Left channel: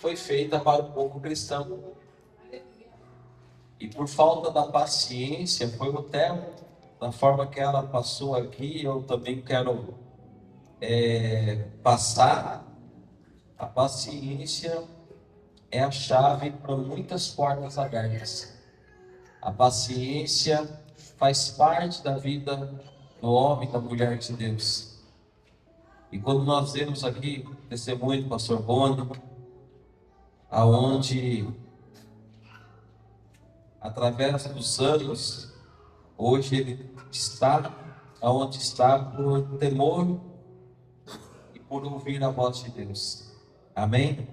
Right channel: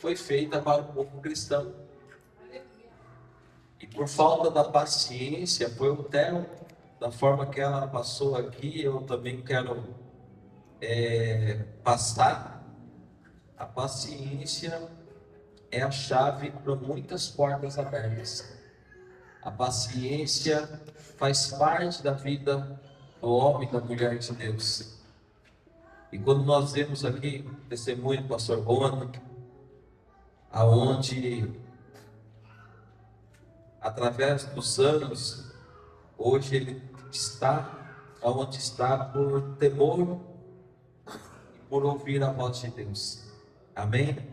foi feita para o povo cristão. E por falta da paciência, foi o termo, da forma que ela passou aqui, eu também quero passar. A paciência é a chave para muitas portas abertas. A paciência faz parte da vida do homem e da mulher de Deus. E quando nós vemos aqui o testemunho do pastor Bono, aonde através dos anos, hoje ele está aonde está por temor e por ouvir a voz de Deus. Amém?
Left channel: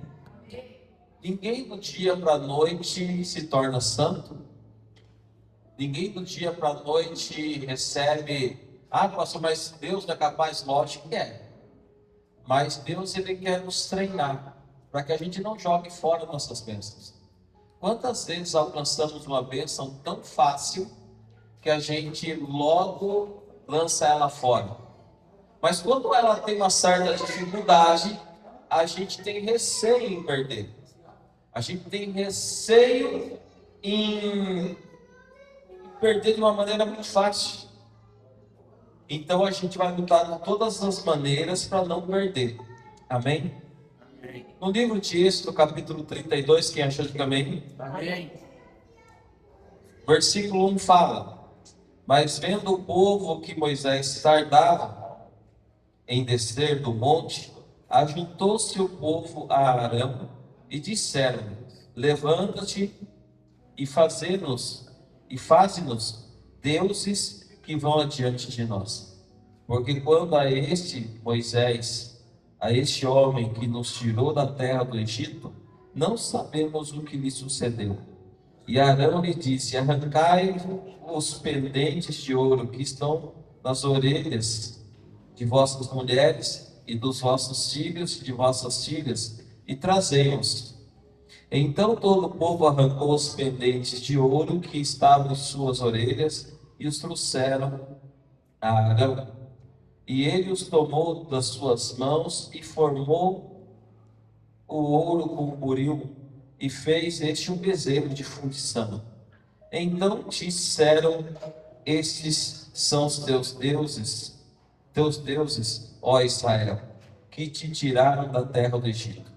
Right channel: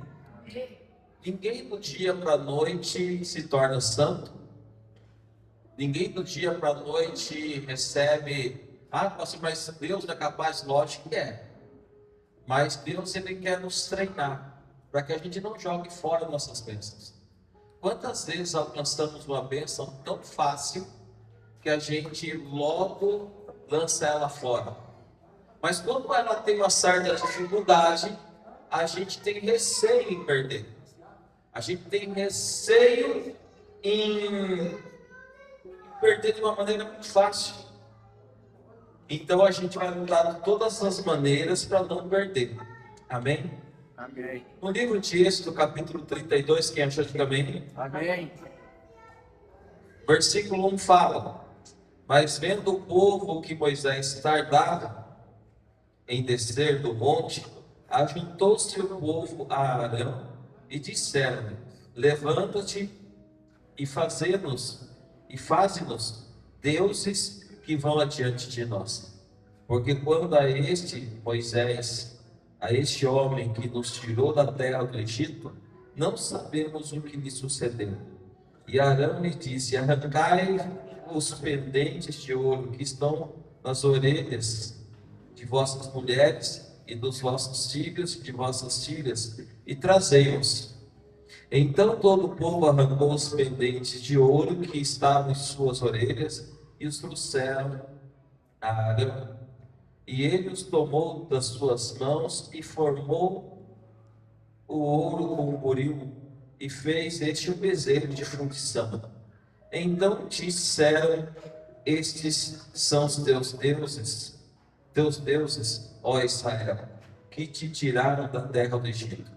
Ninguém do dia para a noite se torna santo. Ninguém do dia para a noite recebe, pastor, mas Deus não é capaz? Lógico que é. Mas Deus, ele quer nos treinar para que a gente não jogue fora nossas bênçãos. Quantas vezes alcançamos uma bênção tão fácil que a gente logo lança ela fora? Mas quando ela tem uma certa dificuldade, a gente tem receio em perder. A gente tem receio em perder de uma maneira muito fácil. Então a gente vai lutar de todas as maneiras para não perder. Amém? Amém. No livro de Êxodo, capítulo 32, quem achou, diga amém. Amém. Versículo 1 fala: mas vendo o povo que Moisés tardava em descer do monte, ajuntou-se o povo a Arão e disseram-lhe: levanta-te e faze-nos deuses que vão adiante de nós. Porque quando a este Moisés, a este homem que nos tirou da terra do Egito, não sabemos o que lhe sucedeu. E Arão lhe disse: arrancai os pendentes de ouro que estão nas orelhas de vossas mulheres e dos vossos filhos e de vossas filhas, e trazei-os. Então todo o povo arrancou os pendentes de ouro que estavam em suas orelhas e os trouxeram a Arão. E ele os tomou das suas mãos e formou o ouro com o buril e fez este um bezerro de fundição. Então disseram: estes são os teus deuses, ó Israel, que te tiraram da terra do Egito.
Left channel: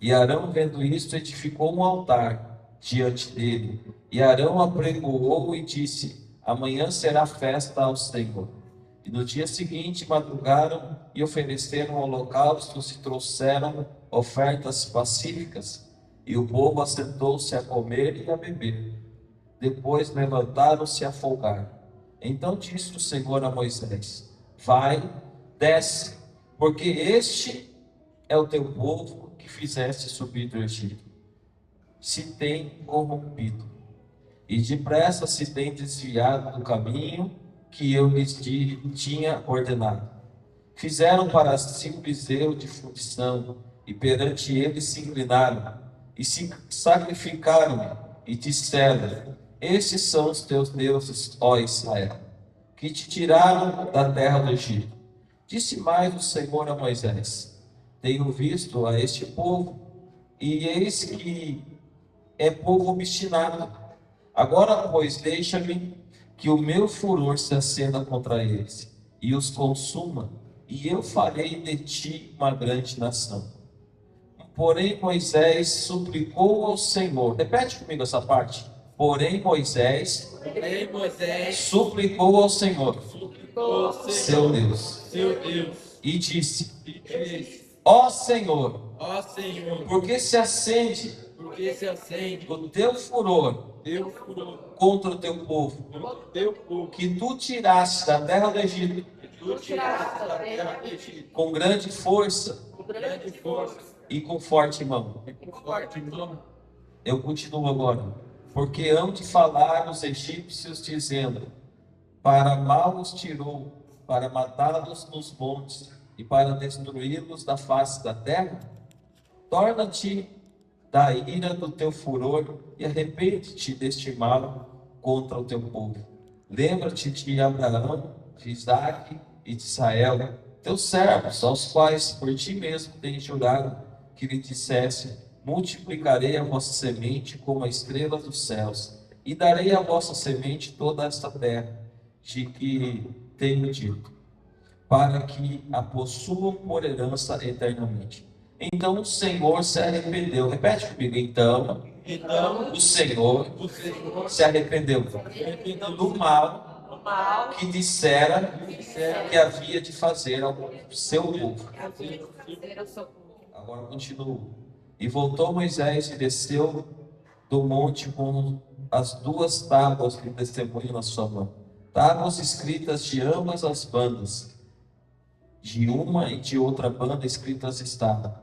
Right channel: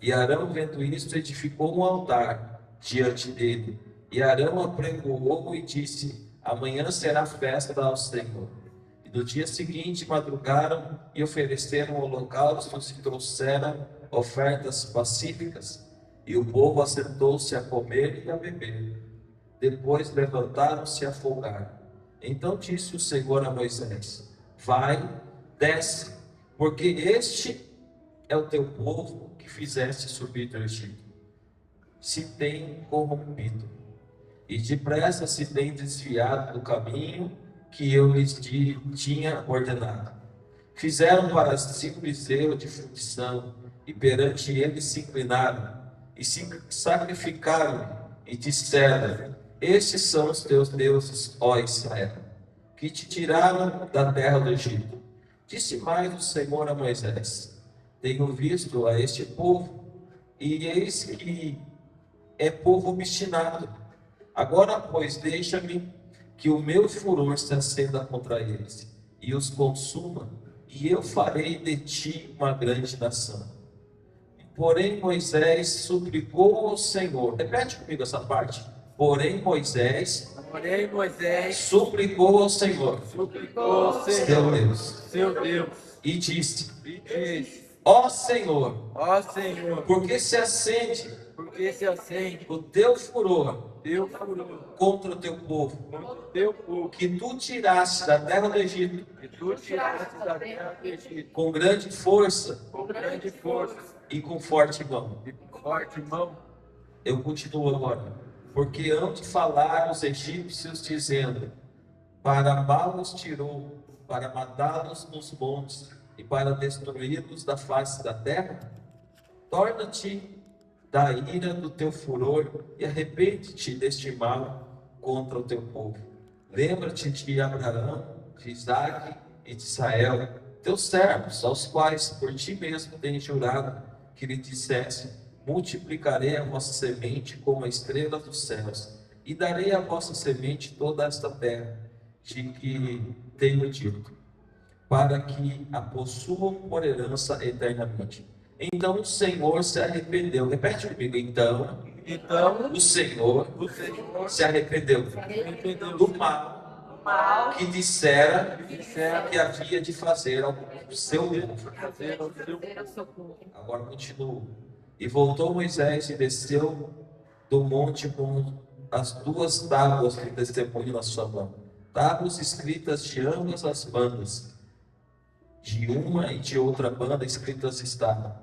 E Arão, vendo isto, edificou um altar diante dele. E Arão apregoou e disse: amanhã será festa ao Senhor. E no dia seguinte madrugaram e ofereceram holocaustos e trouxeram ofertas pacíficas. E o povo assentou-se a comer e a beber. Depois levantaram-se a folgar. Então disse o Senhor a Moisés: vai, desce, porque este é o teu povo que fizeste subir do Egito. Se tem corrompido, e depressa se tem desviado do caminho que eu lhes tinha ordenado. Fizeram para si um bezerro de fundição, e perante ele se inclinaram, e se sacrificaram-lhe, e disseram: estes são os teus deuses, ó Israel, que te tiraram da terra do Egito. Disse mais o Senhor a Moisés: tenho visto a este povo, e eis que é povo obstinado. Agora, pois, deixa-me que o meu furor se acenda contra eles, e os consuma, e eu farei de ti uma grande nação. Porém Moisés suplicou ao Senhor. Repete comigo essa parte. Porém Moisés suplicou ao Senhor, seu Deus, e disse: ó Senhor, por que se acende o teu furor contra o teu povo, que tu tiraste da terra do Egito com grande força e com forte mão. Eu continuo agora. Porque hão de falar os egípcios, dizendo: para mal os tirou, para matá-los nos montes e para destruí-los da face da terra? Torna-te da ira do teu furor e arrepende-te deste mal contra o teu povo. Lembra-te de Abraão, de Isaque e de Israel, teus servos, aos quais por ti mesmo tens jurado, que lhe dissesse: multiplicarei a vossa semente como a estrela dos céus, e darei à vossa semente toda esta terra, de que tenho dito, para que a possuam por herança eternamente. Então o Senhor se arrependeu. Repete comigo. Então o Senhor se arrependeu do mal que dissera que havia de fazer ao seu povo. Agora continuo. E voltou Moisés e desceu do monte com as duas tábuas de testemunho na sua mão, tábuas escritas de ambas as bandas, de uma e de outra banda escritas estavam.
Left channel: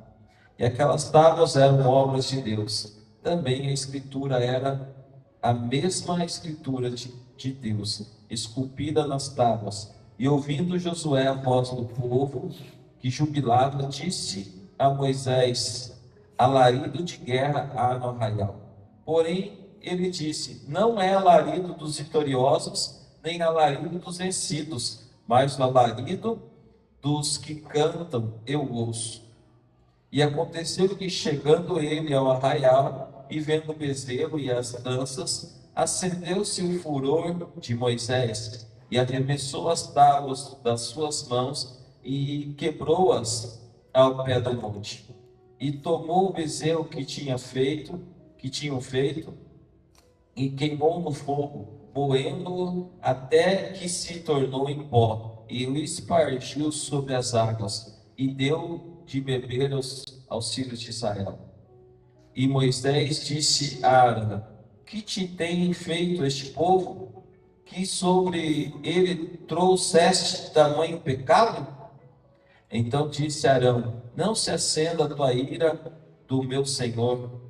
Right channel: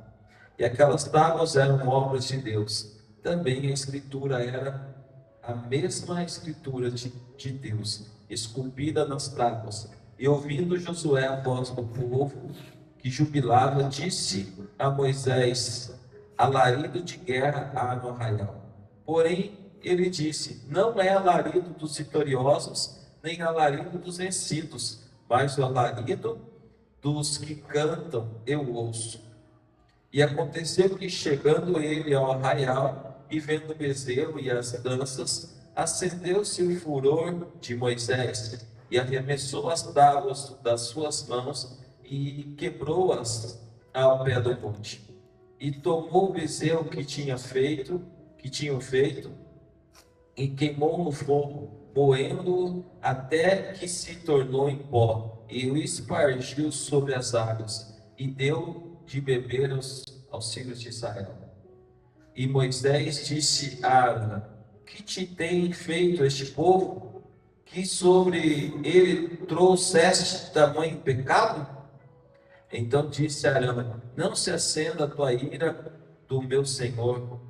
E aquelas tábuas eram obras de Deus. Também a escritura era a mesma escritura de Deus, esculpida nas tábuas. E ouvindo Josué a voz do povo que jubilava, disse a Moisés: alarido de guerra há no arraial. Porém, ele disse: não é alarido dos vitoriosos, nem alarido dos vencidos, mas o alarido dos que cantam eu ouço. E aconteceu que, chegando ele ao arraial e vendo o bezerro e as danças, acendeu-se o furor de Moisés e arremessou as tábuas das suas mãos e quebrou-as ao pé do monte. E tomou o bezerro que tinham feito, e queimou no fogo, moendo-o até que se tornou em pó, e o espargiu sobre as águas, e deu de beber aos filhos de Israel. E Moisés disse a Arão: que te tem feito este povo, que sobre ele trouxeste tamanho pecado? Então disse Arão: não se acenda a tua ira do meu senhor.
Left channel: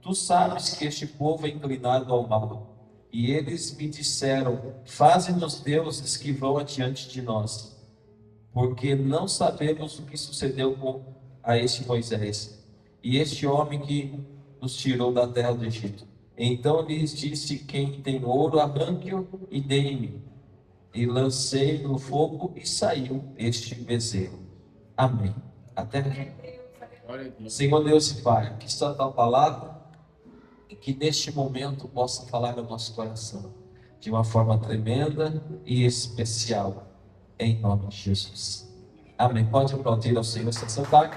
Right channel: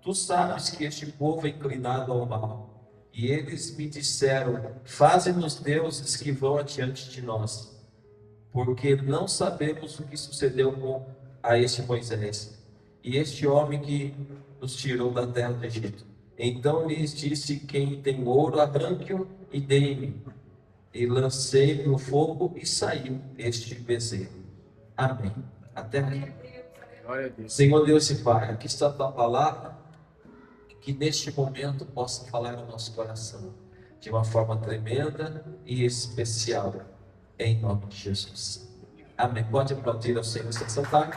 Tu sabes que este povo é inclinado ao mal. E eles me disseram: faze-nos deuses que vão adiante de nós, porque não sabemos o que sucedeu a este Moisés e este homem que nos tirou da terra do Egito. Então lhes disse: quem tem ouro, arranque-o e dei-me. E lancei no fogo e saiu este bezerro. Amém. Até aqui. Senhor Deus e Pai, aqui está a tua palavra, e que neste momento possa falar no nosso coração de uma forma tremenda e especial, em nome de Jesus. Amém. Pode aplaudir ao Senhor, se sentar.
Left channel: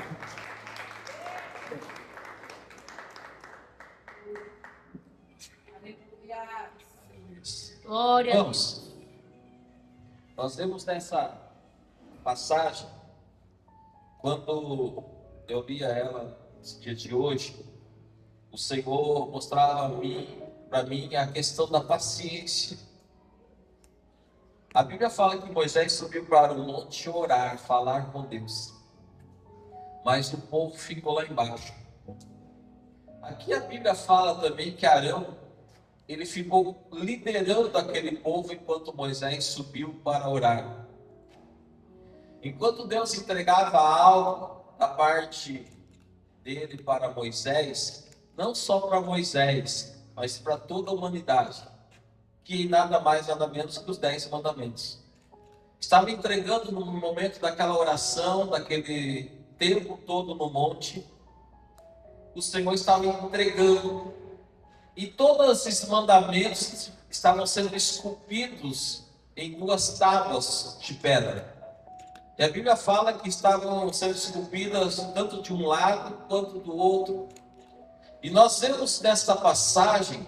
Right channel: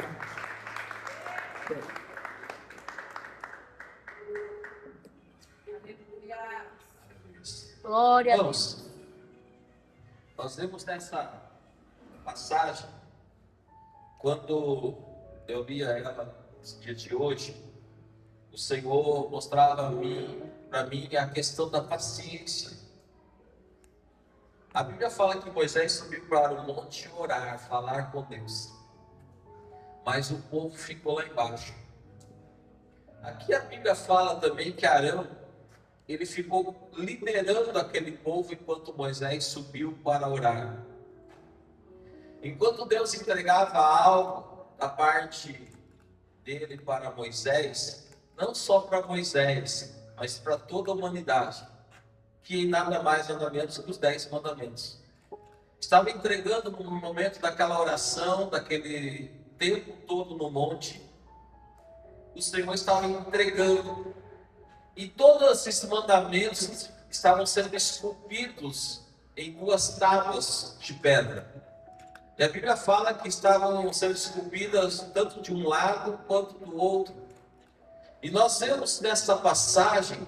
Glória. Vamos. Nós vemos nessa passagem, quando eu lia ela nesse dia de hoje, o Senhor mostrava para mim a questão da paciência. A Bíblia fala que Moisés subiu para o monte orar, falar com Deus, mas o povo ficou lá embaixo. Aqui a Bíblia fala também que Arão, ele ficou liderando aquele povo enquanto Moisés subiu para orar. Enquanto Deus entregava algo da parte dele para Moisés, não só para Moisés, mas para toda a humanidade, que nada mais, nada menos que os 10 mandamentos. Estava entregando no momento daquela oração, daquele tempo todo no monte, o Senhor estava entregando, e todos esses mandamentos estavam sendo esculpidos em 2 tábuas de pedra. E a Bíblia fala que estavam sendo esculpidas tanto de um lado quanto do outro. E nós vemos nessa passagem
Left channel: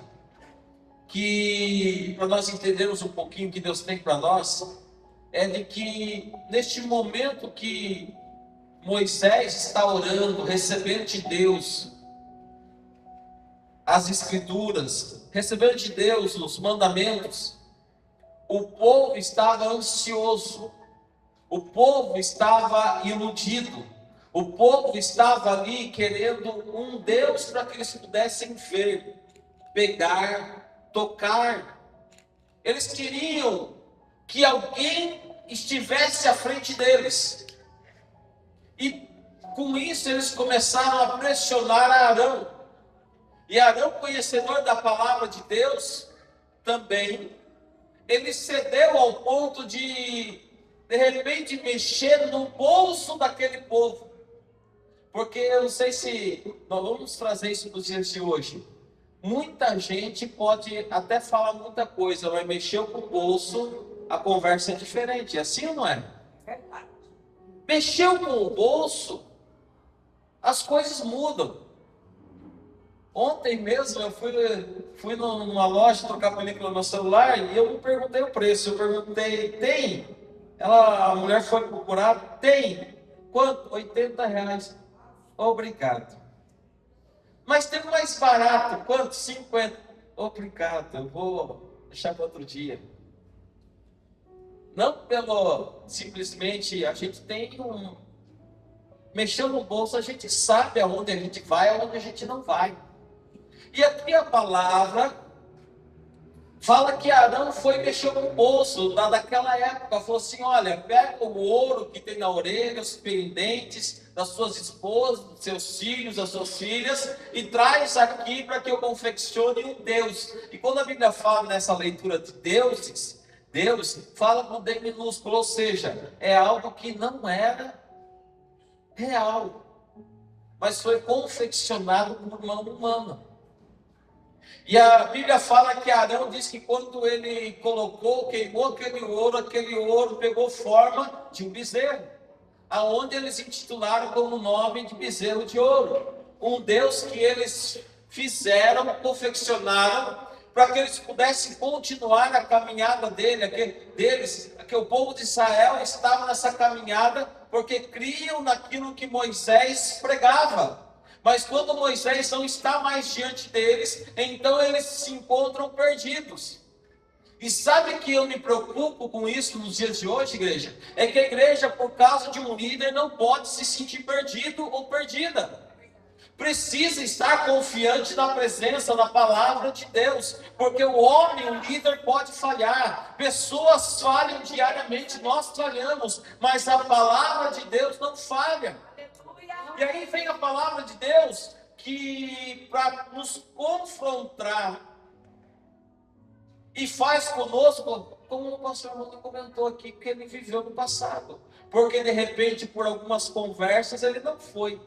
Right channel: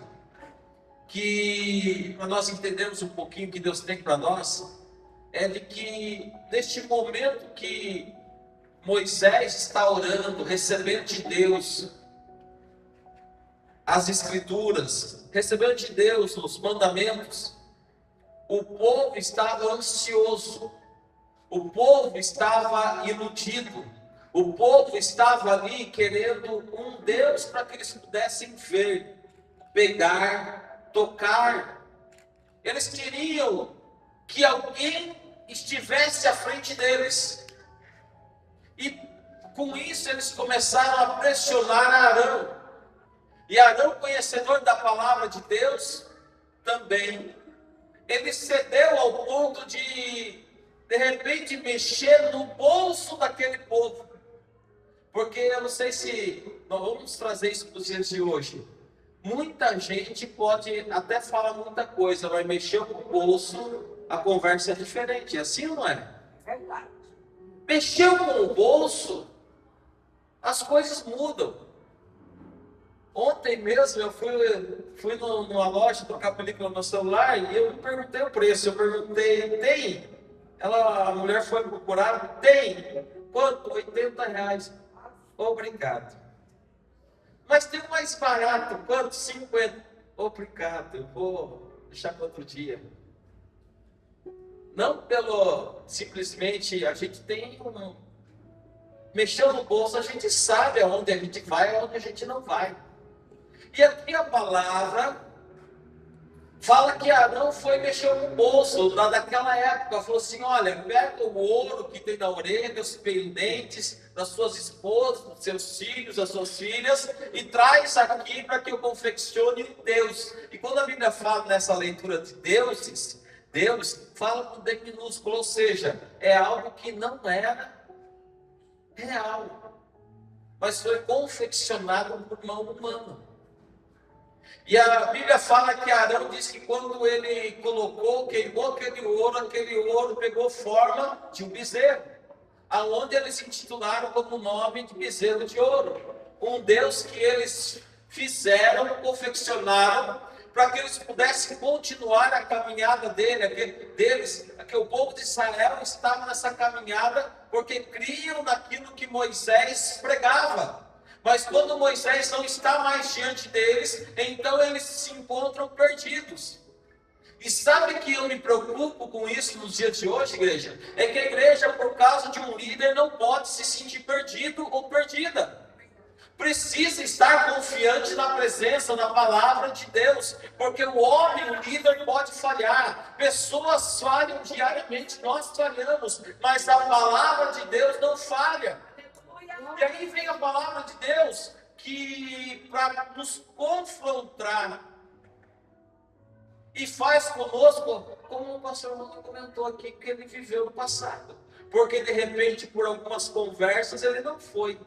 que, para nós entendermos um pouquinho o que Deus tem para nós, é de que neste momento que Moisés está orando, recebendo de Deus as escrituras, recebendo de Deus os mandamentos, o povo estava ansioso, o povo estava iludido, o povo estava ali querendo um Deus para que eles pudessem ver, pegar, tocar. Eles queriam que alguém estivesse à frente deles. E com isso eles começaram a pressionar Arão. E Arão, conhecedor da palavra de Deus, também, ele cedeu ao ponto de repente, mexer no bolso daquele povo. Porque eu não sei se nós vamos trazer isso para os dias de hoje. Muita gente pode até falar muita coisa, mas mexer com o bolso, a conversa é diferente. É assim ou não é? Verdade. Mexeu com o bolso, as coisas mudam. Ontem mesmo eu fui numa loja trocar película no meu celular e eu não perguntei o preço. Eu perguntei, tem? A mulher foi procurar, tem. Quanto? R$ 80. Obrigado. Mas tem o mais barato, quanto? 50. Obrigado, eu vou deixar para outro dia. Não simplesmente a gente tem mexeu no bolso, a gente sabe aonde a gente vai, aonde a gente não vai. E aqui a palavra fala que Arão foi mexer no bolso daquela época, falou assim, olha, pega o ouro que tem na orelha, os pendentes das suas esposas, dos seus filhos, das suas filhas, e traz aqui para que eu confeccione um Deus. E quando a Bíblia fala nessa leitura de deuses, Deus fala com D minúsculo, ou seja, é algo que não era real, mas foi confeccionado por mão humana. E a Bíblia fala que Arão diz que quando ele queimou aquele ouro pegou forma de um bezerro, aonde eles intitularam como nome de bezerro de ouro, um Deus que eles fizeram, confeccionaram, para que eles pudessem continuar a caminhada deles, que o povo de Israel estava nessa caminhada, porque criam naquilo que Moisés pregava. Mas quando Moisés não está mais diante deles, então eles se encontram perdidos. E sabe que eu me preocupo com isso nos dias de hoje, igreja? É que a igreja, por causa de um líder, não pode se sentir perdido ou perdida. Precisa estar confiante na presença, na palavra de Deus, porque o homem, o líder, pode falhar, pessoas falham diariamente, nós falhamos, mas a palavra de Deus não falha. E aí vem a palavra de Deus que para nos confrontar e faz conosco, como o pastor Mano comentou aqui, que ele viveu no passado, porque de repente por algumas conversas ele não foi,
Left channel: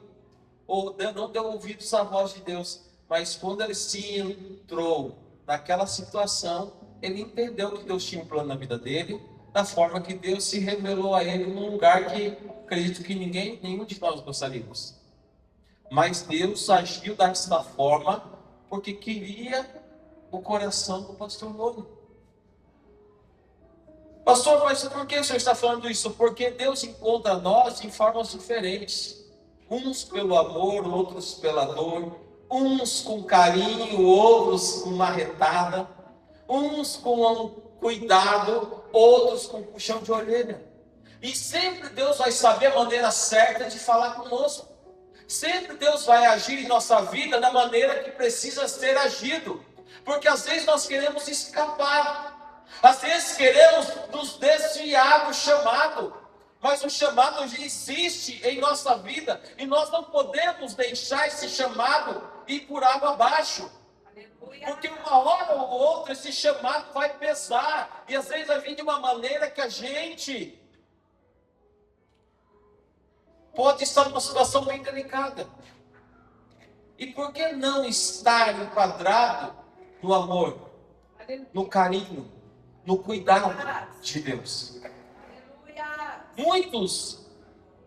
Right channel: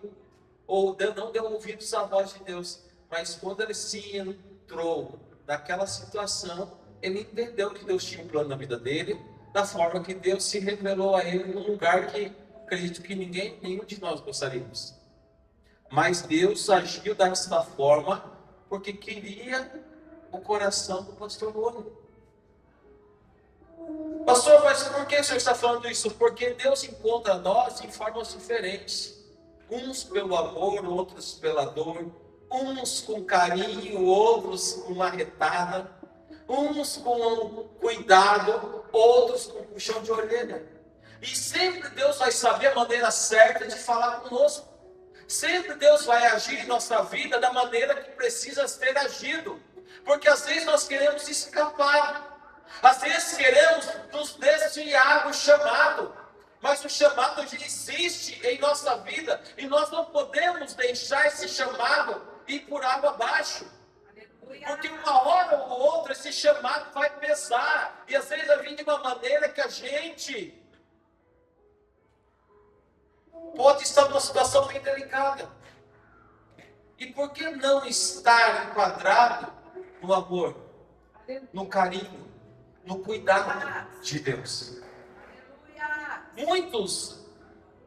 ou não deu ouvidos à voz de Deus, mas quando ele se entrou naquela situação, ele entendeu que Deus tinha um plano na vida dele, da forma que Deus se revelou a ele num lugar que acredito que nenhum de nós gostaríamos. Mas Deus agiu dessa forma porque queria o coração do pastor Moro. Pastor, mas por que o senhor está falando isso? Porque Deus encontra nós em formas diferentes. Uns pelo amor, outros pela dor. Uns com carinho, outros com marretada. Uns com cuidado, outros com puxão de orelha. E sempre Deus vai saber a maneira certa de falar conosco. Sempre Deus vai agir em nossa vida da maneira que precisa ser agido. Porque às vezes nós queremos escapar. Às vezes queremos nos desviar do chamado. Mas o chamado já existe em nossa vida. E nós não podemos deixar esse chamado ir por água abaixo. Porque uma hora ou outra esse chamado vai pesar. E às vezes vai vir de uma maneira que a gente pode estar numa situação bem delicada. E por que não estar enquadrado no amor, no carinho, no cuidado de Deus? Muitos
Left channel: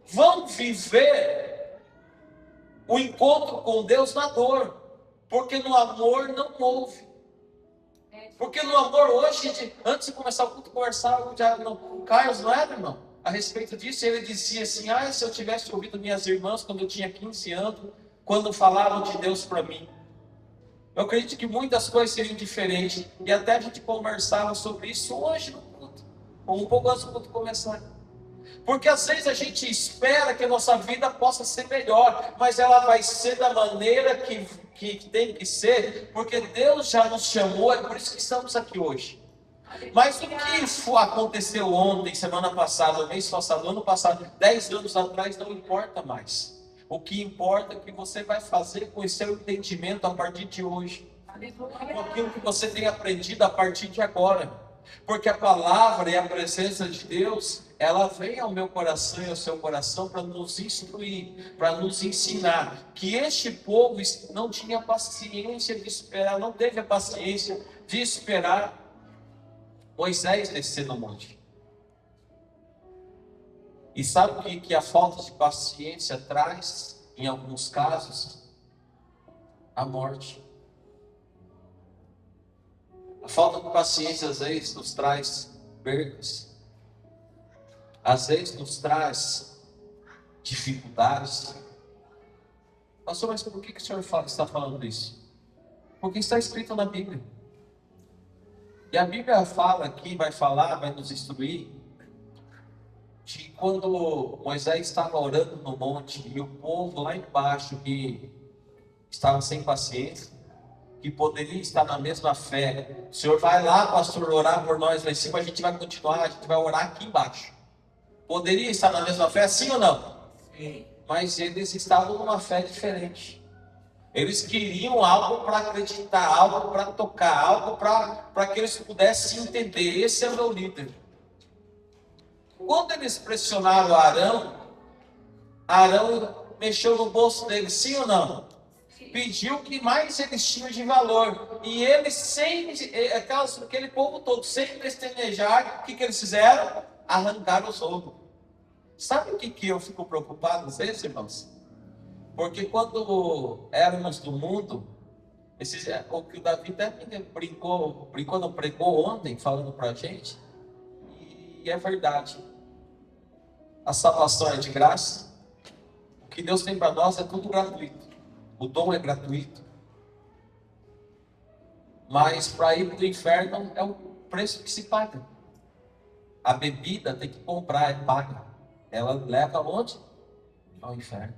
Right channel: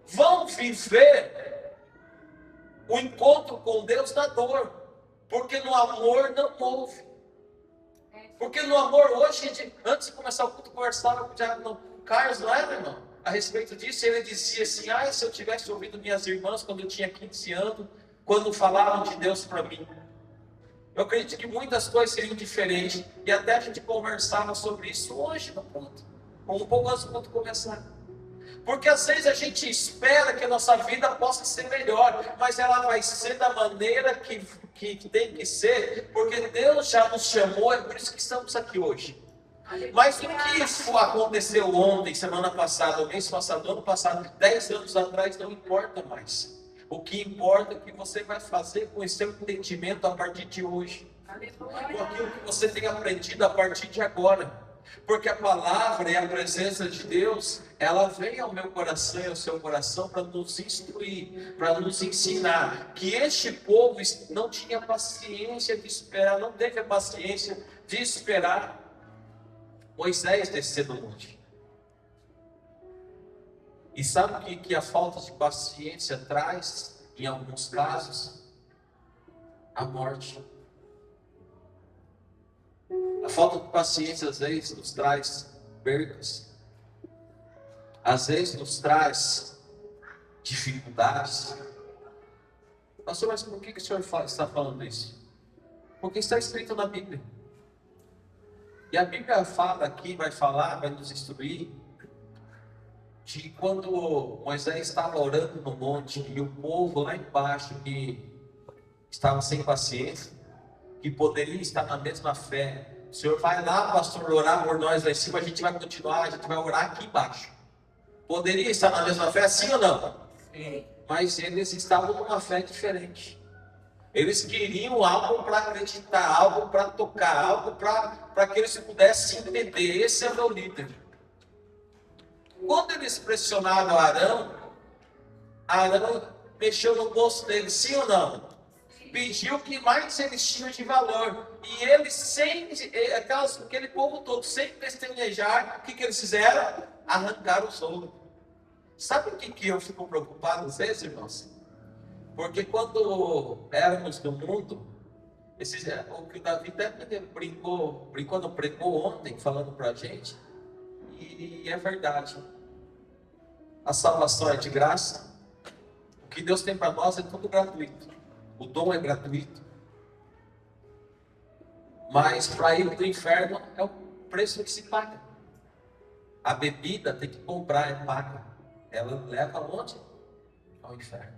vão viver o encontro com Deus na dor, porque no amor não houve. Porque no amor hoje, antes de começar o culto, conversava com o Carlos, não era, irmão? A respeito disso, ele dizia assim, se eu tivesse ouvido minhas irmãs quando eu tinha 15 anos, quando falavam de Deus para mim. Eu acredito que muitas coisas seriam diferentes, e até a gente conversava sobre isso hoje no culto, um pouco antes do culto começar. Porque às vezes a gente espera que a nossa vida possa ser melhor, mas ela vai ser da maneira que tem que ser, porque Deus já nos chamou, é por isso que estamos aqui hoje. Mas o que aconteceu ontem, semana passada, mês passado, ano passado, 10 anos atrás, não importa mais. O que importa é o que você vai fazer com esse seu entendimento a partir de hoje. Com aquilo que você tem aprendido a partir de agora. Porque a palavra e a presença de Deus, ela vem ao meu coração e ao seu coração para nos instruir, para nos ensinar que este povo não tinha paciência de esperar, não teve a paciência de esperar Moisés descer do monte. E sabe o que a falta de paciência traz, em alguns casos? A morte. A falta de paciência às vezes nos traz percas, às vezes nos traz dificuldades. Pastor, mas por que o senhor está falando isso? Porque está escrito na Bíblia. E a Bíblia fala aqui, vai falar, vai nos instruir, de quando Moisés estava orando no monte e o povo lá embaixo que estava sem paciência, que poderia estar na mesma fé. O senhor vai lá, pastor, orar por nós lá em cima, a gente vai continuar, a gente vai orar aqui embaixo. Poderia estar na mesma fé, sim ou não? Sim. Mas eles estavam numa fé diferente. Eles queriam algo para acreditar, algo para tocar, algo para que eles pudessem entender. Esse é o meu líder. Quando eles pressionaram Arão mexeu no bolso dele, sim ou não? Pediu o que mais eles tinham de valor. E eles, aquele povo todo, sem pestanejar, o que eles fizeram? Arrancaram os ombros. Sabe o que eu fico preocupado às vezes, irmãos? Porque quando éramos do mundo, o que o Davi até brincou, não pregou ontem, falando para a gente, e é verdade. A salvação é de graça. O que Deus tem para nós é tudo gratuito. O dom é gratuito. Mas para ir para o inferno é o preço que se paga. A bebida tem que comprar, é paga. Ela leva aonde? Ao inferno.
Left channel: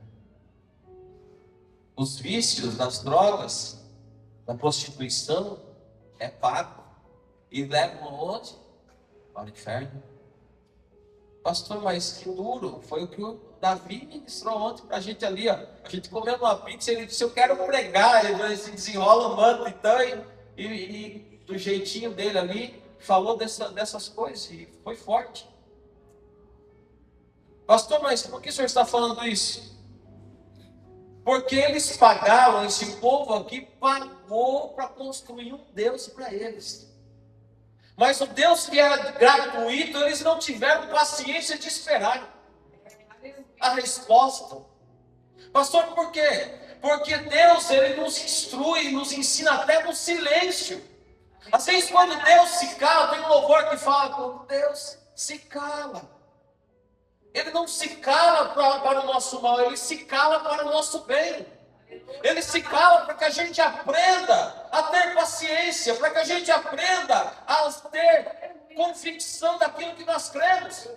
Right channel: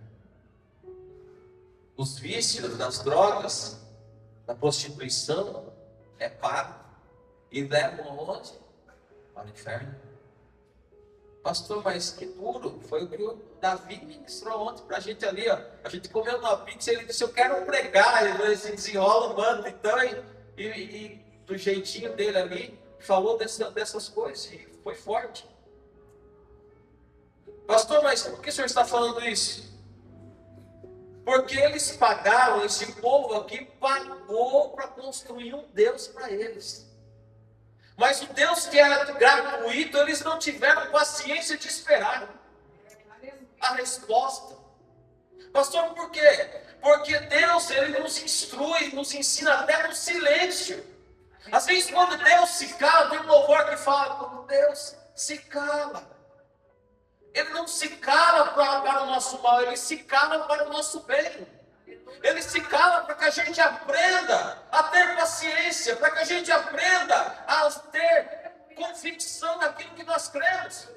Os vícios das drogas, da prostituição, é pago. E levam aonde? Ao inferno. Pastor, mas que duro. Foi o que o Davi ministrou ontem para a gente ali, ó. A gente comendo uma pizza, ele disse, eu quero pregar. Ele se desenrola o manto, então, e do jeitinho dele ali, falou dessas coisas, e foi forte. Pastor, mas por que o senhor está falando isso? Porque eles pagaram, esse povo aqui pagou para construir um Deus para eles. Mas o Deus que era gratuito, eles não tiveram paciência de esperar a resposta. Pastor, por quê? Porque Deus, Ele nos instrui, nos ensina até no silêncio. Às vezes quando Deus se cala, tem um louvor que fala, quando Deus se cala. Ele não se cala para o nosso mal, Ele se cala para o nosso bem. Ele se cala para que a gente aprenda a ter paciência, para que a gente aprenda a ter convicção daquilo que nós cremos.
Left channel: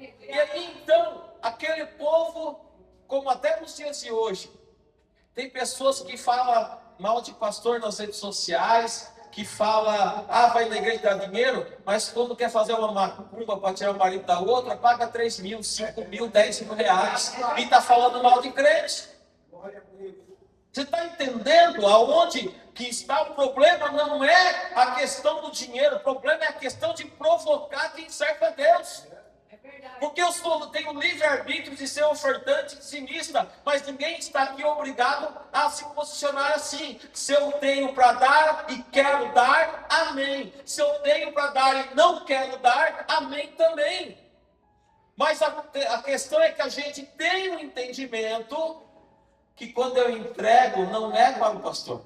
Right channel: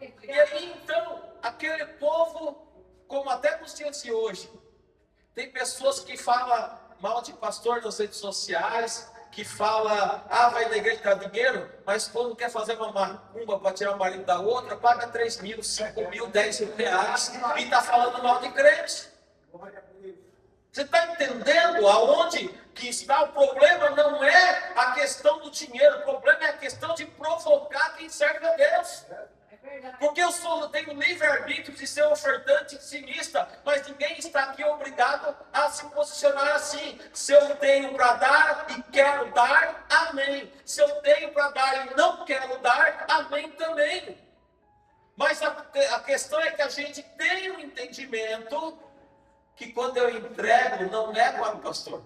E aí então, aquele povo, como até nos dias de hoje, tem pessoas que falam mal de pastor nas redes sociais, que fala, vai na igreja dar dinheiro, mas quando quer fazer uma macumba para tirar o marido da outra, paga 3 mil, 5 mil, 10 mil reais e está falando mal de crente. Você está entendendo aonde que está o problema? Não é a questão do dinheiro, o problema é a questão de provocar quem serve a Deus. Porque eu tenho o livre-arbítrio de ser ofertante e dizimista, mas ninguém está aqui obrigado a se posicionar assim. Se eu tenho para dar e quero dar, amém. Se eu tenho para dar e não quero dar, amém também. Mas a questão é que a gente tem um entendimento que quando eu entrego, não é para o pastor.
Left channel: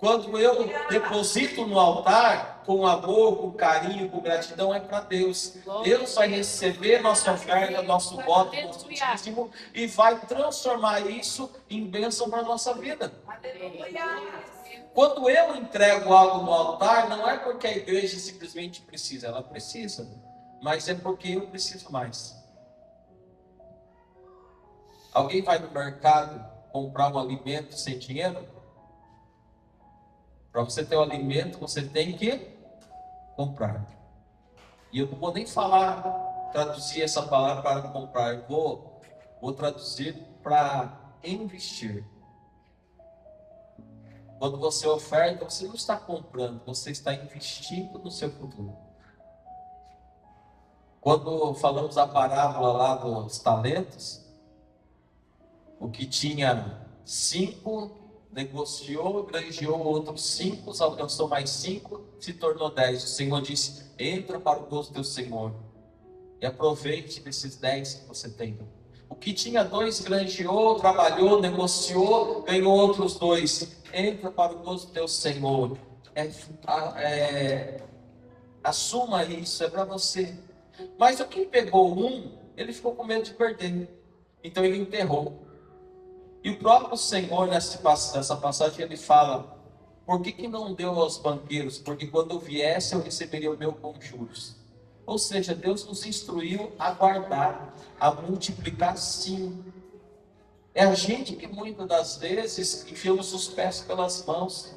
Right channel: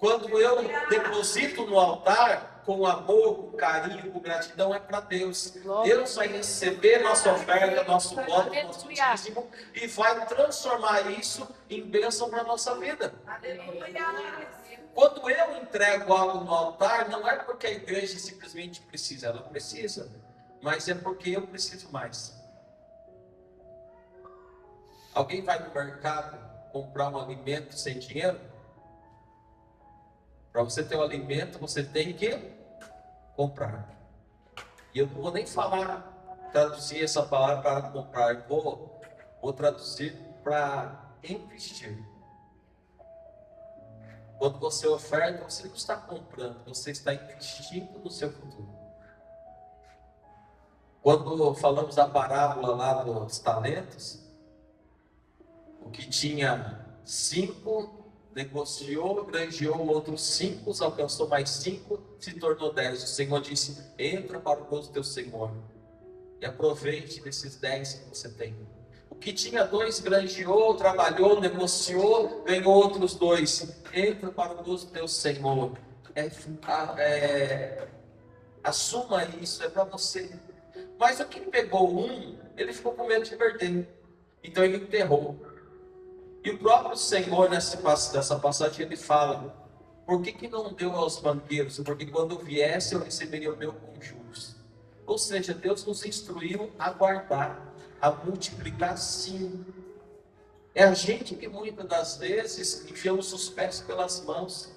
Quando eu deposito no altar, com amor, com carinho, com gratidão, é para Deus. Deus vai receber nossa oferta, nosso voto, nosso dízimo, e vai transformar isso em bênção para a nossa vida. Quando eu entrego algo no altar, não é porque a igreja simplesmente precisa, ela precisa, mas é porque eu preciso mais. Alguém vai no mercado comprar um alimento sem dinheiro? Para você ter o alimento, você tem que comprar. E eu não vou nem traduzir essa palavra para comprar. Eu vou traduzir para investir. Quando você oferta, você não está comprando, você está investindo no seu futuro. Quando falamos a parábola lá dos talentos, o que tinha 5, negociou, granjeou outros 5, alcançou mais 5, se tornou 10. O Senhor disse: entra para o gozo do teu Senhor e aproveite desses 10 que você tem. O que tinha 2, granjeou, trabalhou, negociou, ganhou outros 2. Entra para o gozo do teu Senhor. Assuma isso, é para você. Mas o que pegou 1, ele ficou com medo de perder. Então ele enterrou. E o próprio Senhor, nessa passagem, ele fala: por que não deu aos banqueiros? Porque quando viesse eu receberia o meu com juros. Ou seja, Deus nos instruiu a guardar, a multiplicar sim. É a gente que muitas das vezes enfiamos os pés pelas mãos.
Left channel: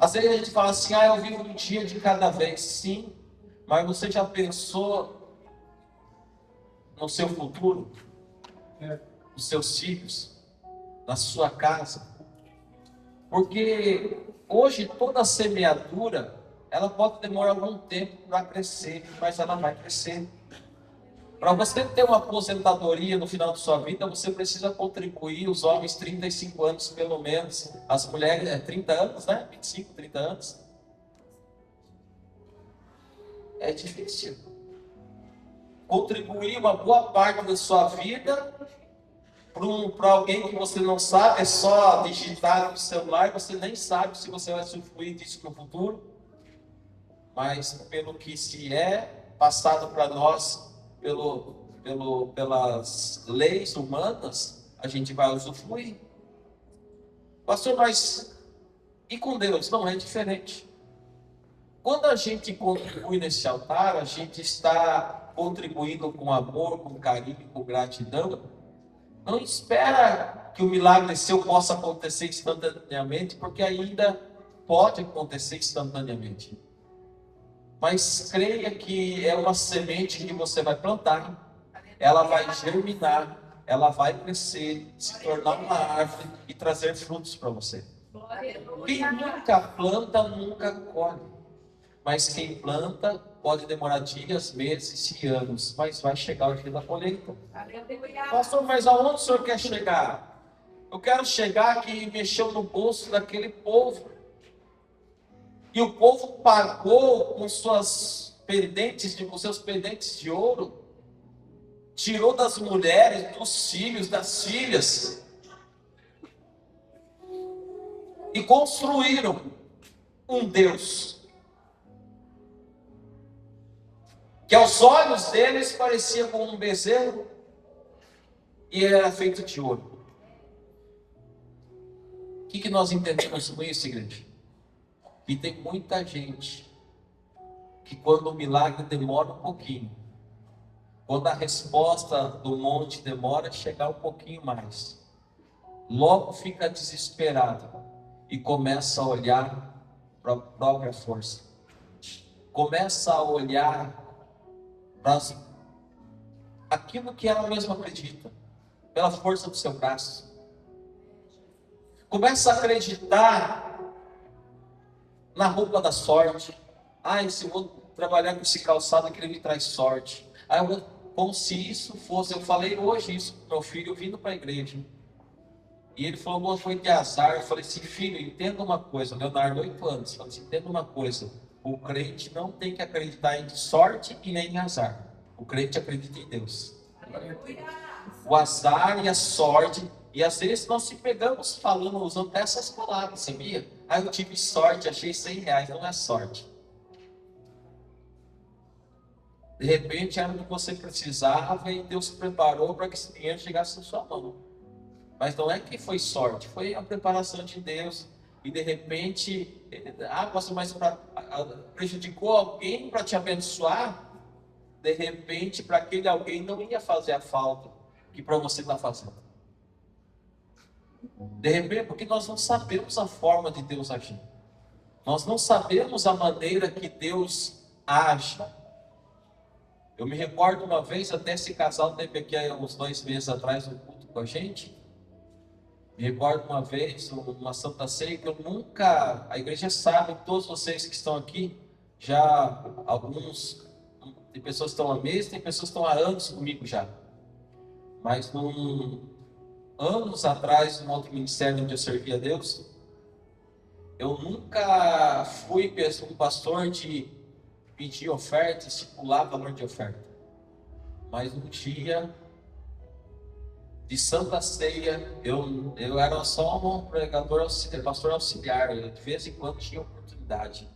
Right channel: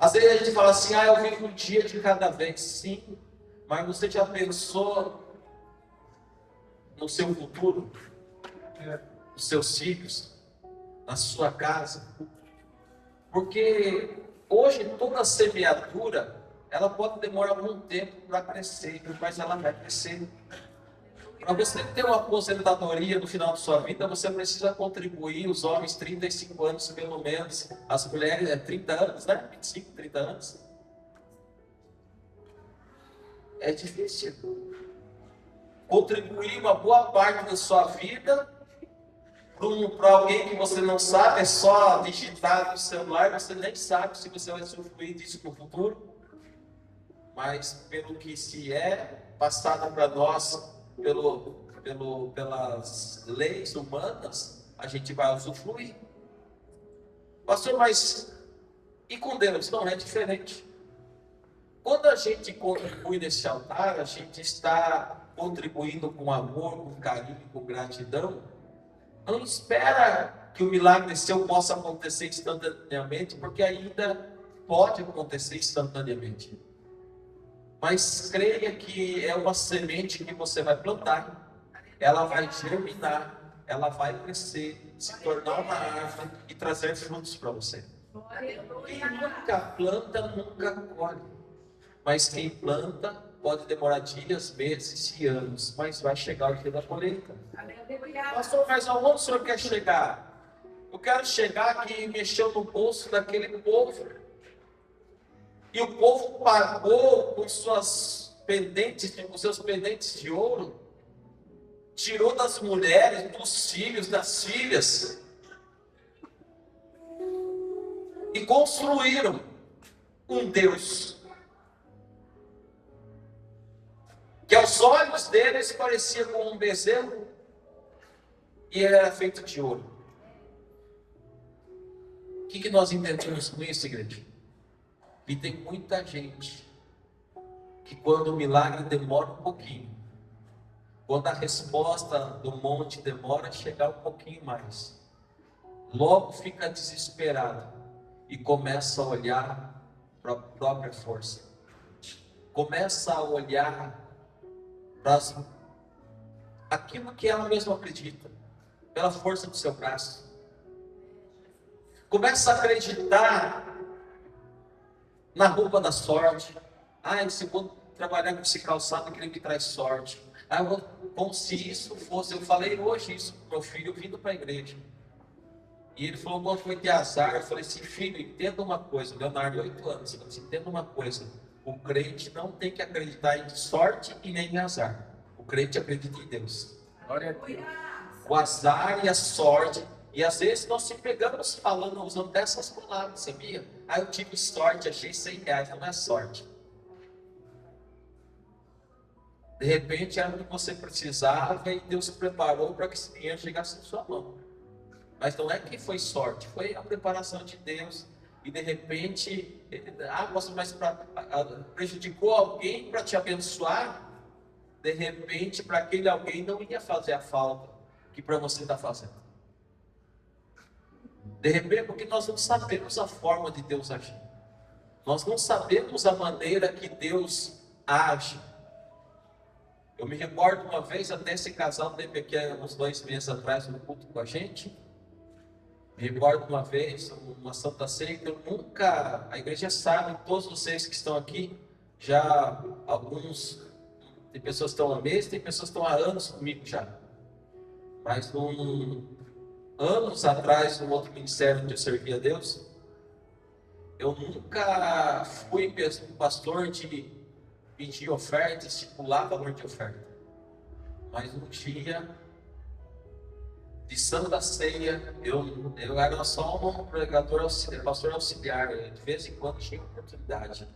Às vezes a gente fala assim: eu vivo um dia de cada vez. Sim, mas você já pensou no seu futuro? Nos seus filhos? Na sua casa? Porque hoje toda semeadura, ela pode demorar algum tempo para crescer, mas ela vai crescer. Para você ter uma aposentadoria no final de sua vida, você precisa contribuir, os homens 35 anos pelo menos, as mulheres 30 anos, né? 25, 30 anos. É difícil. Contribuir uma boa parte da sua vida para alguém que você não sabe, é só digitar no celular, você nem sabe se você vai usufruir disso no futuro. Mas pelo que se é passado para nós, pelas leis humanas, a gente vai usufruir. Pastor, mas e com Deus? Não, é diferente. Quando a gente contribui nesse altar, a gente está contribuindo com amor, com carinho, com gratidão. Não espera que o milagre seu possa acontecer instantaneamente, porque ainda pode acontecer instantaneamente. Mas creia que é uma semente que você vai plantar, ela vai germinar, ela vai crescer, se tornar uma árvore e trazer frutos para você. Quem nunca planta, nunca colhe. Mas quem planta pode demorar dias, meses e anos, mas vai chegar o dia da colheita. Pastor, mas aonde o senhor quer chegar? Eu quero chegar que mexeu no bolso daquele povo. E o povo pagou com seus pendentes de ouro, tirou das mulheres, dos filhos, das filhas, e construíram um Deus que aos olhos deles parecia como um bezerro e era feito de ouro. O que nós entendemos com isso, igreja? E tem muita gente que quando o milagre demora um pouquinho, quando a resposta do monte demora a chegar um pouquinho mais, logo fica desesperado e começa a olhar para a própria força. Começa a olhar para aquilo que ela mesma acredita, pela força do seu braço. Começa a acreditar na roupa da sorte. Se eu vou trabalhar com esse calçado que ele me traz sorte. Como se isso fosse. Eu falei hoje isso para meu filho vindo para a igreja. E ele falou: foi de azar. Eu falei assim: filho, entenda uma coisa. Leonardo, 8 anos. Eu falei assim: entenda uma coisa. O crente não tem que acreditar em sorte e nem em azar. O crente acredita em Deus. O azar e a sorte. E às vezes nós se pegamos falando, usando dessas palavras, sabia? Eu tive sorte, achei R$100, não é sorte. De repente era o que você precisava e Deus se preparou para que esse dinheiro chegasse na sua mão. Mas não é que foi sorte, foi a preparação de Deus. E de repente, mas prejudicou alguém para te abençoar. De repente, para aquele alguém não ia fazer a falta que para você está fazendo. De repente, porque nós não sabemos a forma de Deus agir. Nós não sabemos a maneira que Deus age. Eu me recordo uma vez, até esse casal teve aqui uns 2 meses atrás no culto com a gente. Me recordo uma vez, uma Santa Ceia, que eu nunca, a igreja sabe, todos vocês que estão aqui, já alguns, tem pessoas que estão há meses, tem pessoas que estão há anos comigo já. Mas anos atrás, num outro ministério onde eu servia a Deus, eu nunca fui um pastor de pedir oferta, estipular valor de oferta. Mas um dia de Santa Ceia, eu era só um pregador auxiliar, pastor auxiliar, eu, de vez em quando tinha oportunidade.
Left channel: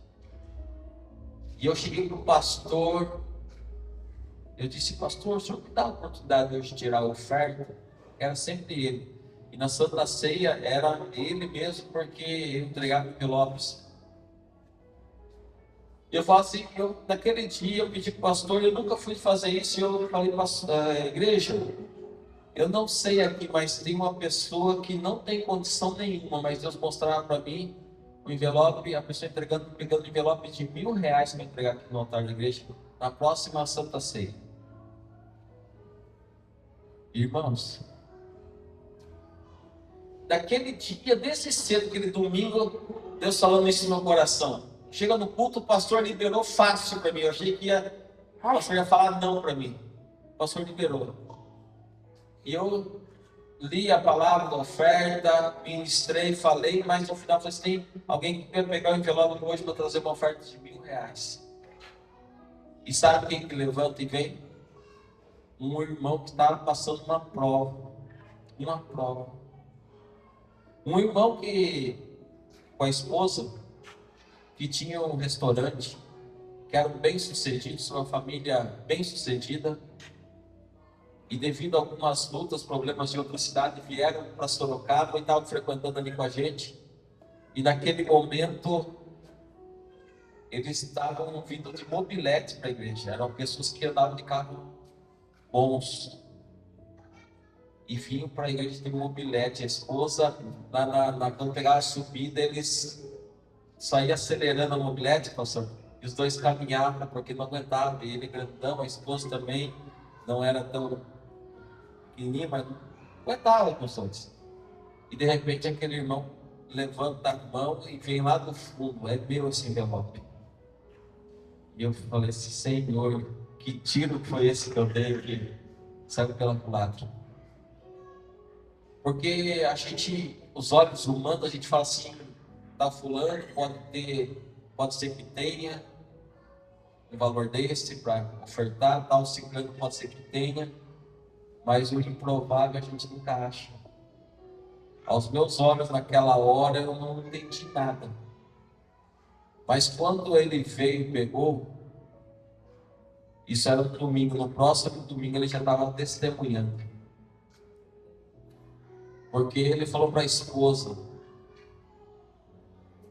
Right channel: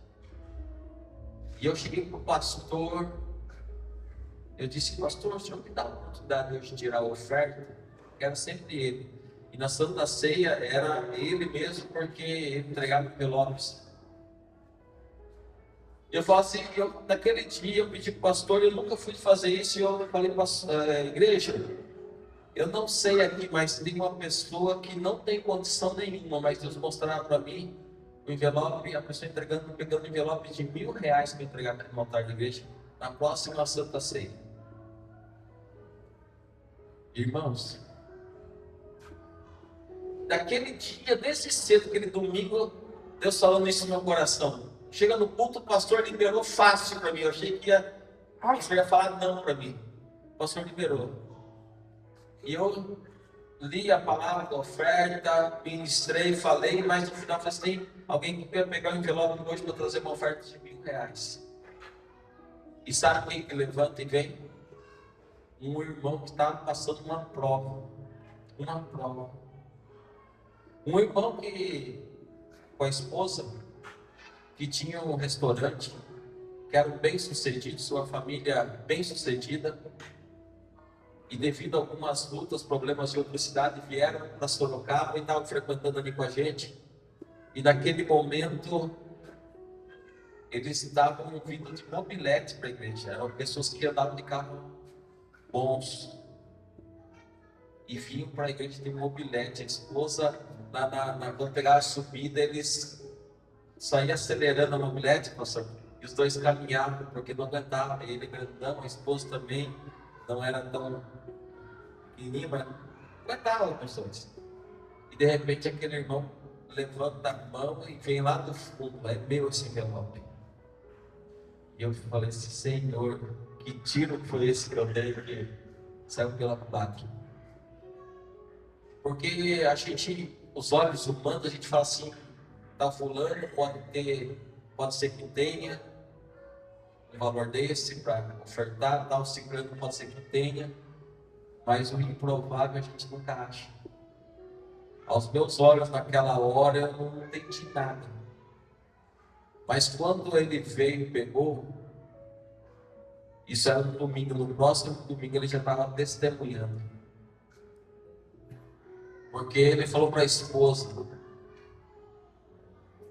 E eu cheguei para o pastor, eu disse: pastor, o senhor me dá a oportunidade de eu tirar a oferta? Era sempre ele. E na Santa Ceia era ele mesmo, porque ele entregava envelopes. Eu falo assim, naquele dia eu pedi para o pastor, eu nunca fui fazer isso, e eu falei para a igreja, eu não sei aqui, mas tem uma pessoa que não tem condição nenhuma, mas Deus mostrava para mim o envelope, a pessoa pegando envelope de R$ 1.000 para entregar aqui no altar da igreja, na próxima Santa Ceia. Irmãos, daquele dia, desse cedo, aquele domingo, Deus falando isso no meu coração. Chega no culto, o pastor liberou fácil para mim. Eu achei que o pastor ia falar não para mim. O pastor liberou. E eu li a palavra da oferta, ministrei, falei, mas no final falei assim: alguém que quer pegar o envelope hoje para trazer uma oferta de R$ 1.000. E sabe quem que levanta e vem? Um irmão que estava passando uma prova. Uma prova. Um irmão que, com a esposa, que tinha um restaurante, que era bem sucedido, sua família bem sucedida, e devido a algumas lutas, problemas de outra cidade, vieram para Sorocaba e estavam frequentando ali com a gente. E naquele momento, eles estavam vindo de mobilete para a igreja, eram pessoas que andavam de carro bons, e vinham para a igreja de mobilete. A esposa, quando pegava a subida, eles saíam acelerando a mobilete, pastor, e os dois caminhavam porque não aguentavam. E ele grandão, a esposa também não era tão pequenininha, mas não aguentava, pessoas. E de repente aquele irmão levanta a mão e vem lá do fundo: é meu esse envelope. E eu falei assim: Senhor, que tiro foi esse que eu dei que saiu pela culatra? Porque a gente, os olhos humanos, a gente fala assim: tá fulano, pode ser que tenha um valor desse para ofertar, tal, ciclano pode ser que tenha, mas o improvável a gente nunca acha. Aos meus olhos naquela hora eu não entendi nada, mas quando ele veio e pegou, isso era no domingo, no próximo domingo ele já estava testemunhando, porque ele falou para a esposa:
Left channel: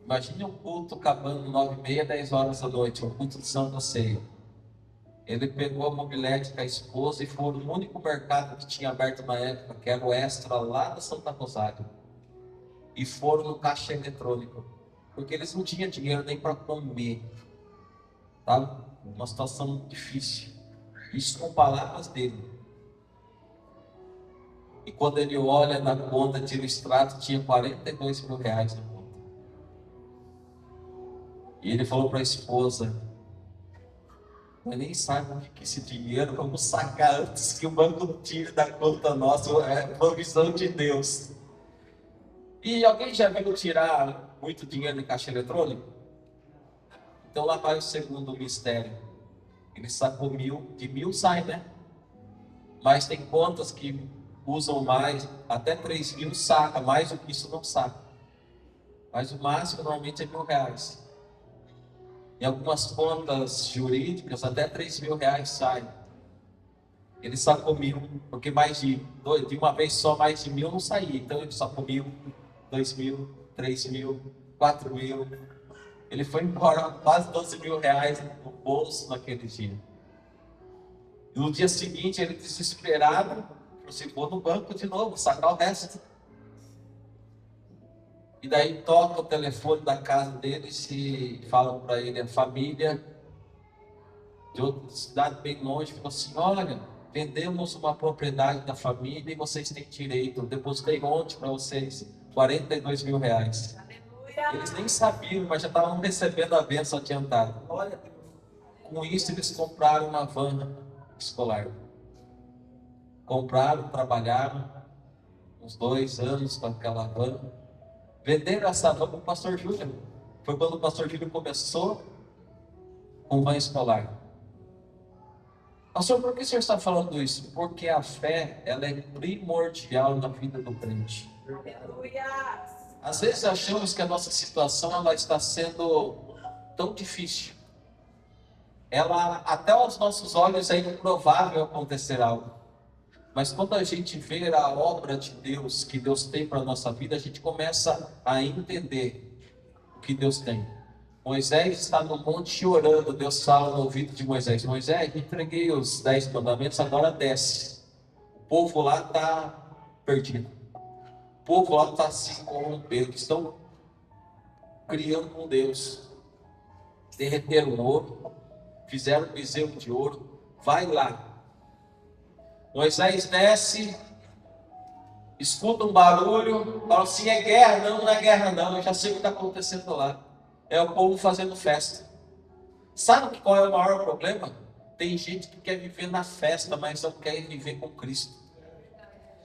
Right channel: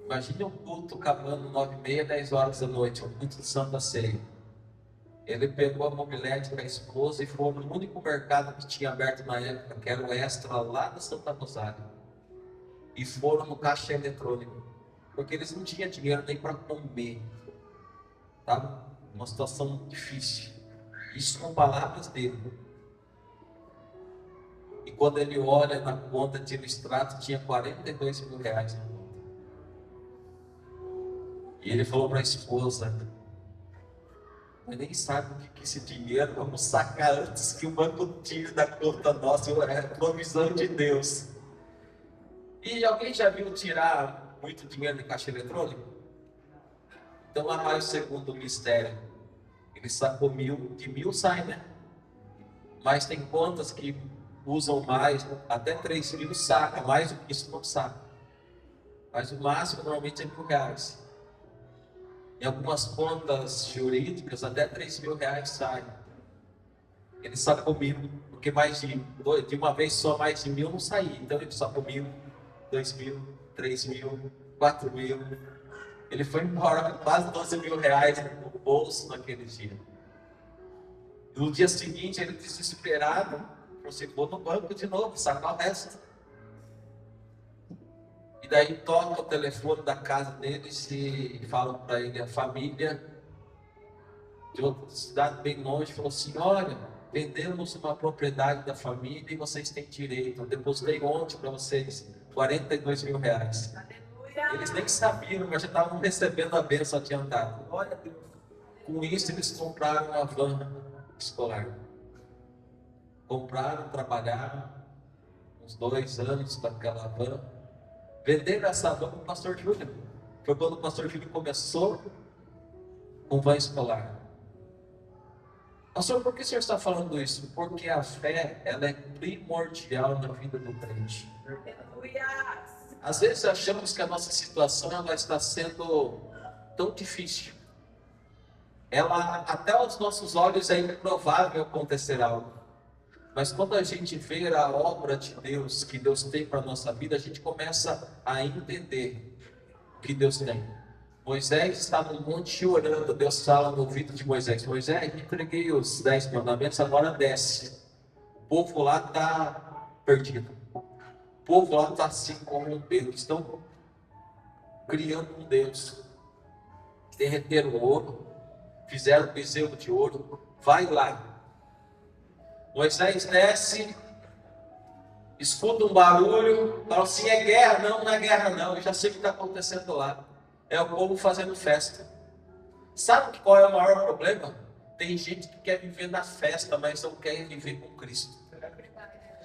imagine um culto acabando 9h30, 10 horas da noite, um culto de Santa Ceia. Ele pegou a mobilete com a esposa e foi no único mercado que tinha aberto na época, que era o Extra, lá da Santa Rosário, e foram no caixa eletrônico, porque eles não tinham dinheiro nem para comer, tá? Uma situação difícil. Isso com palavras dele. E quando ele olha na conta, tira o extrato, tinha R$ 42.000 na conta. E ele falou para a esposa: mas nem sabe o que esse dinheiro, vamos sacar antes que o banco tire da conta nossa. É uma visão de Deus. E alguém já viu tirar muito dinheiro de caixa eletrônico? Então lá vai o segundo mistério. Ele sacou 1.000, de 1.000 sai, né? Mas tem contas que usam mais, até 3.000 saca, mais do que isso não saca. Mas o máximo normalmente é R$ 1.000. Em algumas contas jurídicas, até R$ 3.000 sai. Ele sacou 1.000, porque de uma vez só mais de 1.000 não saía. Então ele sacou 1.000, 2.000, 3.000, 4.000. Ele foi embora com quase R$ 12.000 no bolso naquele dia. E no dia seguinte, ele desesperado, falou assim: vou no banco de novo, sacar o resto. E daí toca o telefone da casa deles e falam para ele: a família de outra cidade bem longe falou assim: olha, vendemos uma propriedade da família e vocês têm direito. Eu depositei ontem para vocês R$42 mil. Eles nem sabiam, mas já estavam recebendo a bênção adiantada. Olha, com isso eles compraram uma van escolar. Compraram, trabalharam uns 2 anos com aquela van. Venderam essa van para o pastor Júlio. Foi quando o pastor Júlio começou com van escolar. Pastor, por que o senhor está falando isso? Porque a fé, ela é primordial na vida do crente. Aleluia! Às vezes achamos que a nossa situação ela está sendo tão difícil. Até aos nossos olhos é improvável acontecer algo. Mas quando a gente vê a obra de Deus, que Deus tem para a nossa vida, a gente começa a entender o que Deus tem. Moisés está no monte orando, Deus fala no ouvido de Moisés: Moisés, entreguei os 10 mandamentos, agora desce. O povo lá está perdido. O povo lá está se corrompendo, estão criando um Deus. Derreteram ouro, fizeram um bezerro de ouro, vai lá. Moisés desce, escuta um barulho, fala assim: é guerra? Não, não é guerra não, eu já sei o que está acontecendo lá. É o povo fazendo festa. Sabe qual é o maior problema? Tem gente que quer viver na festa, mas não quer viver com Cristo.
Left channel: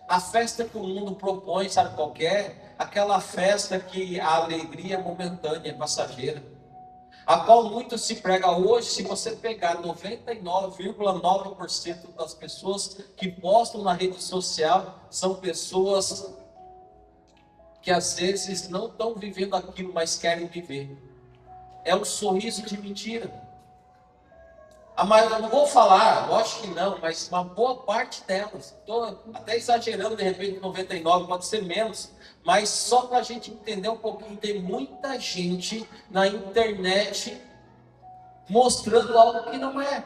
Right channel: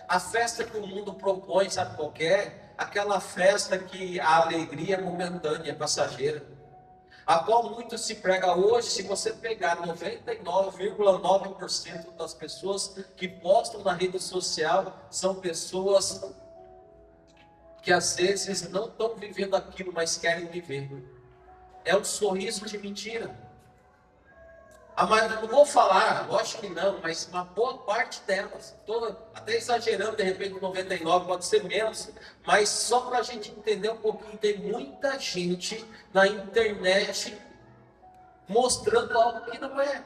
A festa que o mundo propõe, sabe qual é? Aquela festa que a alegria é momentânea, passageira. A qual muito se prega hoje. Se você pegar 99,9% das pessoas que postam na rede social, são pessoas que às vezes não estão vivendo aquilo, mas querem viver. É um sorriso de mentira. Mas eu não vou falar, lógico que não, mas uma boa parte delas, estou até exagerando, de repente 99, pode ser menos, mas só para a gente entender um pouquinho, tem muita gente na internet mostrando algo que não é,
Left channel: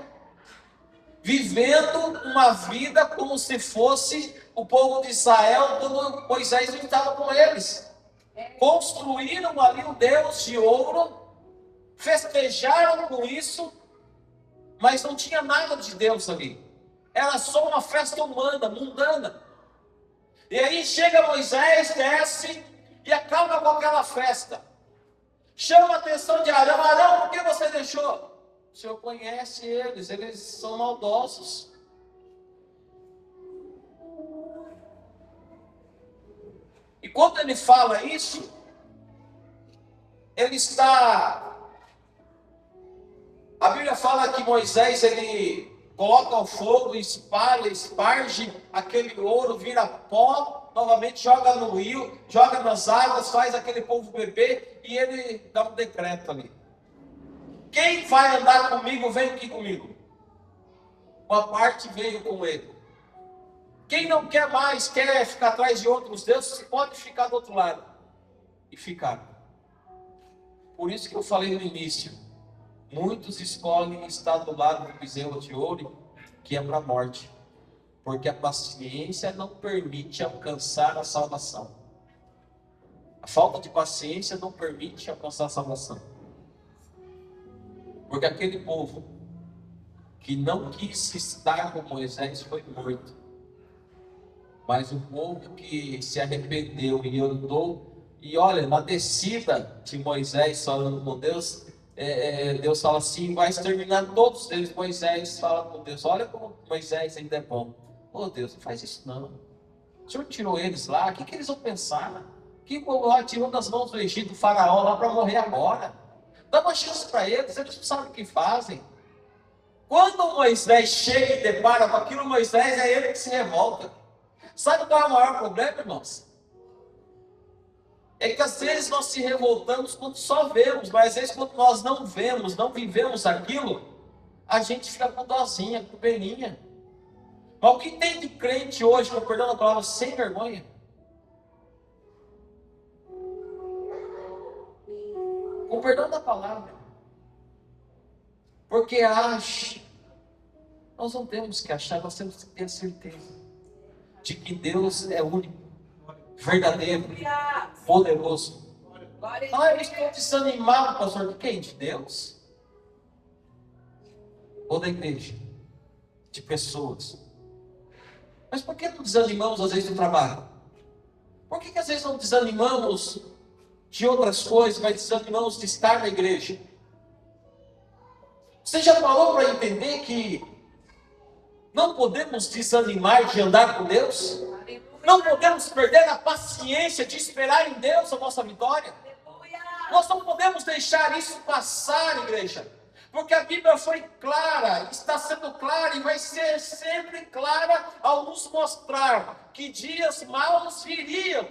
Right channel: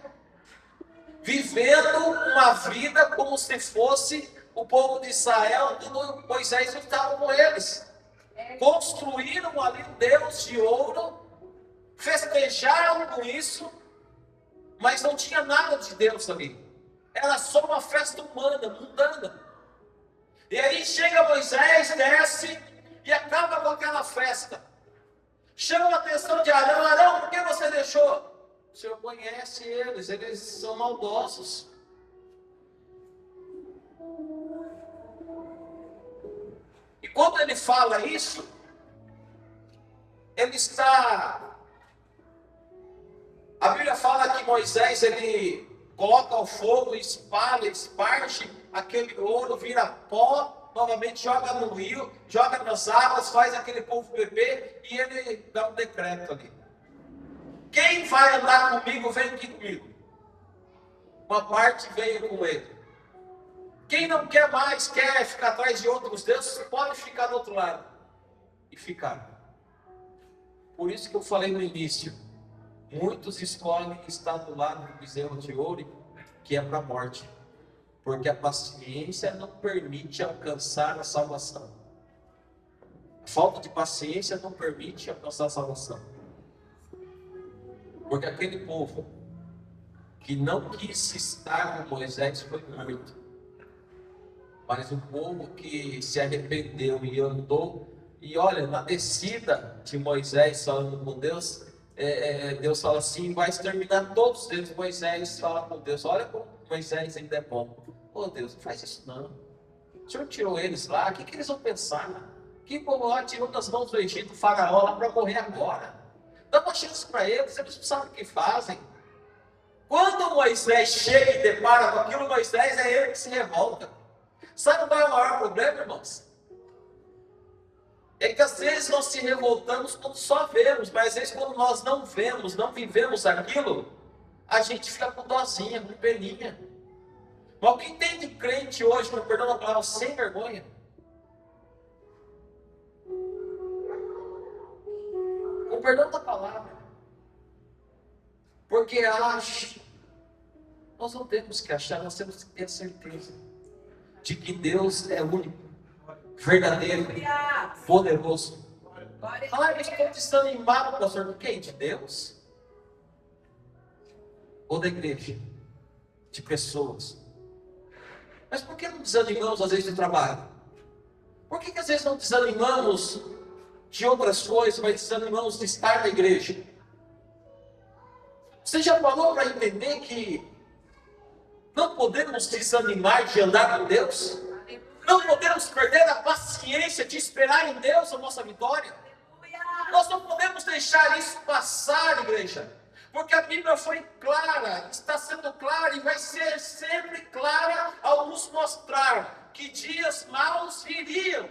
vivendo uma vida como se fosse o povo de Israel quando Moisés estava com eles. Construíram ali um Deus de ouro, festejaram com isso, mas não tinha nada de Deus ali. Era só uma festa humana, mundana. E aí chega Moisés, desce e acaba com aquela festa. Chama a atenção de Arão: Arão, por que você deixou? O Senhor conhece eles são maldosos. E quando ele fala isso, ele está... A Bíblia fala que Moisés, ele coloca o fogo, esparge aquele ouro, vira pó, novamente joga no rio, joga nas águas, faz aquele povo beber, e ele dá um decreto ali: quem vai andar comigo, vem aqui comigo. Uma parte veio com ele. Quem não quer mais, quer ficar atrás de outros deuses, pode ficar do outro lado. E ficar. Por isso que eu falei no início, muitos escolhem estar do lado do bezerro de ouro, que é para a morte, porque a paciência não permite alcançar a salvação. A falta de paciência não permite alcançar a salvação. Porque aquele povo que não quis estar com Moisés foi morto. Mas o povo que se arrependeu e andou, e olha, na descida de Moisés falando com Deus, Deus fala assim: vai exterminar todos eles. Moisés fala com Deus: olha como Moisés ainda é bom. Oh Deus, não faz isso não. O Senhor tirou eles lá, o que eles vão pensar? Que o povo lá tirou das mãos do Egito, do faraó lá para morrer agora. Dá uma chance para eles não sabem o que fazem. Quando Moisés chega e depara com aquilo, Moisés é ele que se revolta. Sabe qual é o maior problema, irmãos? É que às vezes nós se revoltamos quando só vemos, mas às vezes quando nós não vemos, não vivemos aquilo, a gente fica com dozinha, com peninha. Mas o que tem de crente hoje, com perdão da palavra, sem vergonha? Com perdão da palavra. Porque acha. Nós não temos que achar, nós temos que ter a certeza de que Deus é único, verdadeiro, poderoso. Eu estou desanimado, pastor. De quem? De Deus? Ou da igreja? De pessoas? Mas por que não desanimamos às vezes do trabalho? Por que às vezes não desanimamos de outras coisas, mas desanimamos de estar na igreja? Você já parou para entender que não podemos desanimar de andar com Deus? Não podemos perder a paciência de esperar em Deus a nossa vitória? Nós não podemos deixar isso passar, igreja. Porque a Bíblia foi clara, está sendo clara e vai ser sempre clara ao nos mostrar que dias maus viriam.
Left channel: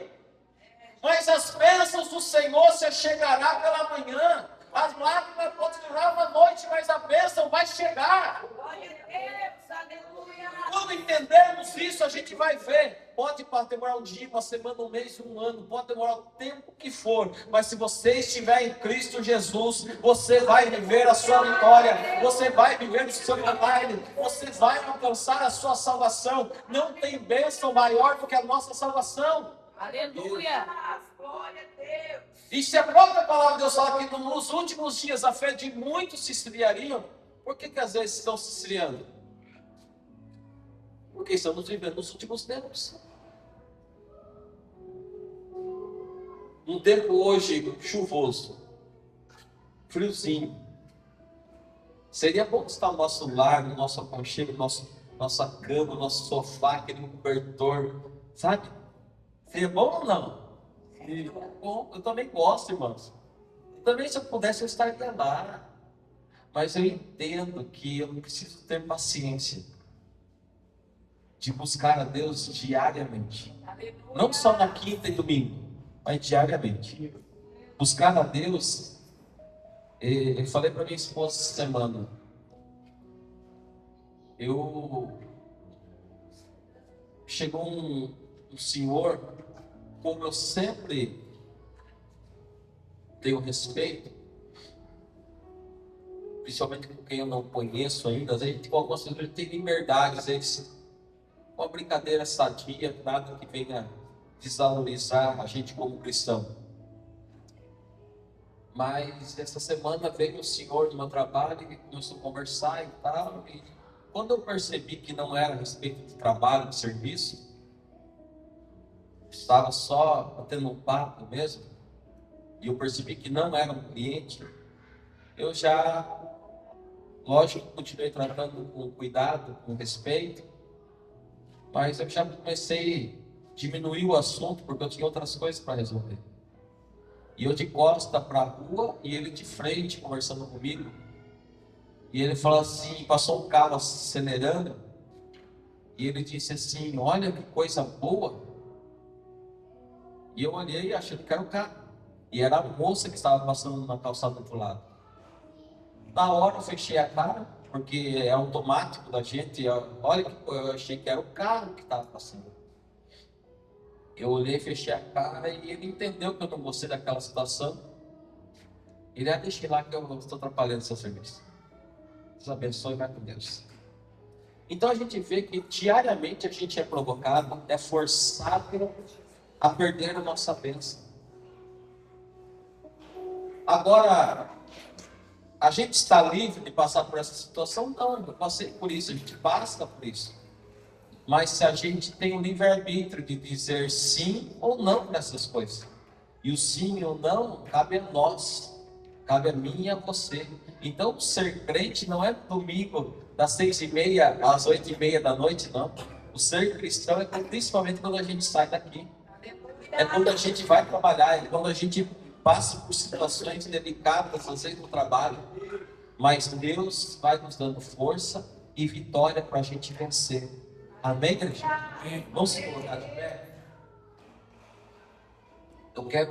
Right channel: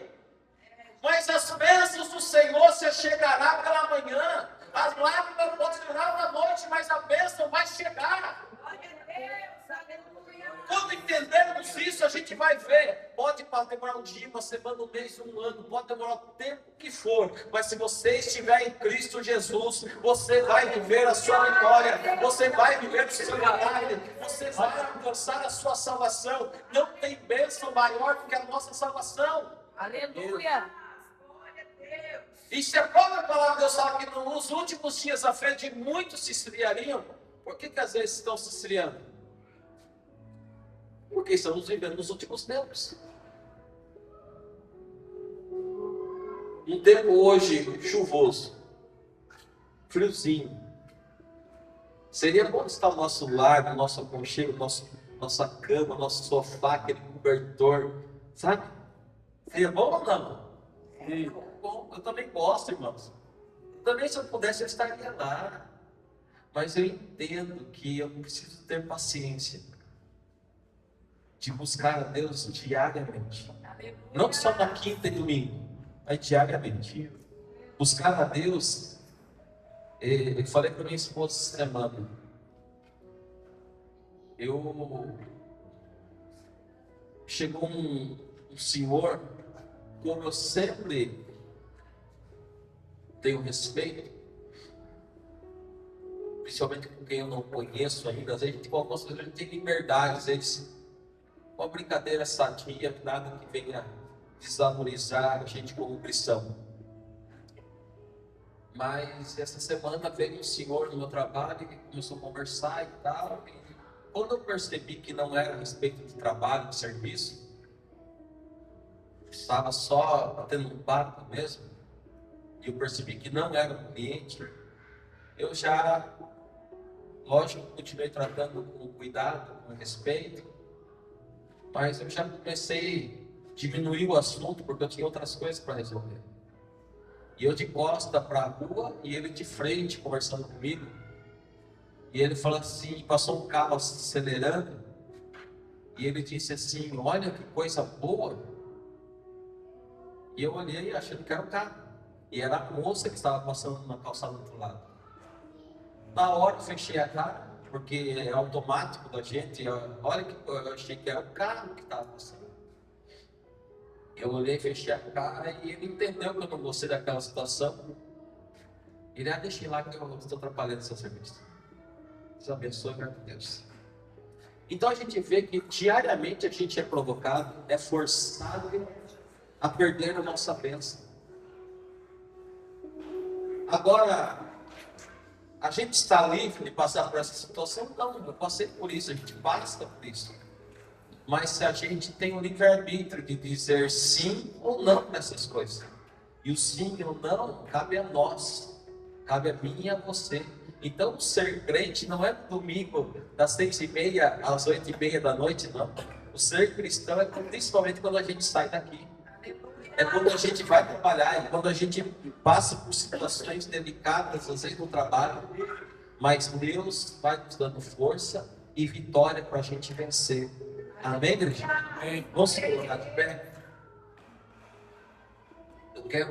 Mas as bênçãos do Senhor se chegará pela manhã. As lágrimas podem durar uma noite, mas a bênção vai chegar. Glória a Deus, aleluia. Quando entendermos isso, a gente vai ver. Pode demorar um dia, uma semana, um mês, um ano. Pode demorar o tempo que for. Mas se você estiver em Cristo Jesus, você vai viver a sua vitória. Você vai viver o seu milagre. Você vai alcançar a sua salvação. Não tem bênção maior do que a nossa salvação. Aleluia. Glória a Deus. E se a própria palavra de Deus fala que nos últimos dias a fé de muitos se esfriariam, por que às vezes estão se esfriando? Porque estamos vivendo nos últimos tempos. Um tempo hoje chuvoso, friozinho. Seria bom estar no nosso lar, no nosso aconchego, nossa cama, nosso sofá, aquele cobertor, sabe? Seria bom ou não? Bom, eu também gosto, irmãos. Também, se eu pudesse, eu estaria lá. Mas eu entendo que eu preciso ter paciência de buscar a Deus diariamente. Não só na quinta e domingo, mas diariamente. Buscar a Deus. Eu falei para minha esposa essa semana. Chegou um senhor, como eu sempre tenho respeito, principalmente com quem eu não conheço ainda, às vezes com algumas pessoas a gente tem liberdade, às vezes uma brincadeira sadia, nada que venha desvalorizar a gente como cristão. Mas essa semana veio um senhor no meu trabalho e começou a conversar e tal, e quando eu percebi que não era a respeito de trabalho, de serviço, estava só batendo um papo mesmo, e eu percebi que não era um cliente, eu já, lógico, continuei tratando com cuidado, com respeito, mas eu já comecei a diminuir o assunto, porque eu tinha outras coisas para resolver. E eu de costa para a rua, e ele de frente, conversando comigo, e ele falou assim, passou um carro acelerando, e ele disse assim, olha que coisa boa. E eu olhei achando que era o carro. E era a moça que estava passando na calçada do outro lado. Na hora eu fechei a cara, porque é automático da gente. Olha que eu achei que era o carro que estava passando. Eu olhei, fechei a cara e ele entendeu que eu não gostei daquela situação. Ele deixa lá que eu estou atrapalhando seu serviço. Deus abençoe e vai com Deus. Então a gente vê que diariamente a gente é provocado, é forçado a perder a nossa bênção. Agora, a gente está livre de passar por essa situação? Não, eu passei por isso, a gente passa por isso. Mas se a gente tem o livre-arbítrio de dizer sim ou não para essas coisas, e o sim ou não cabe a nós, cabe a mim e a você. Então, ser crente não é domingo das 6h30 às 8h30 da noite, não. O ser cristão é principalmente quando a gente sai daqui. É quando a gente vai trabalhar, é quando a gente passa por situações delicadas, às vezes no trabalho. Mas Deus vai nos dando força e vitória para a gente vencer. Amém, igreja? Vamos se colocar de pé? Eu quero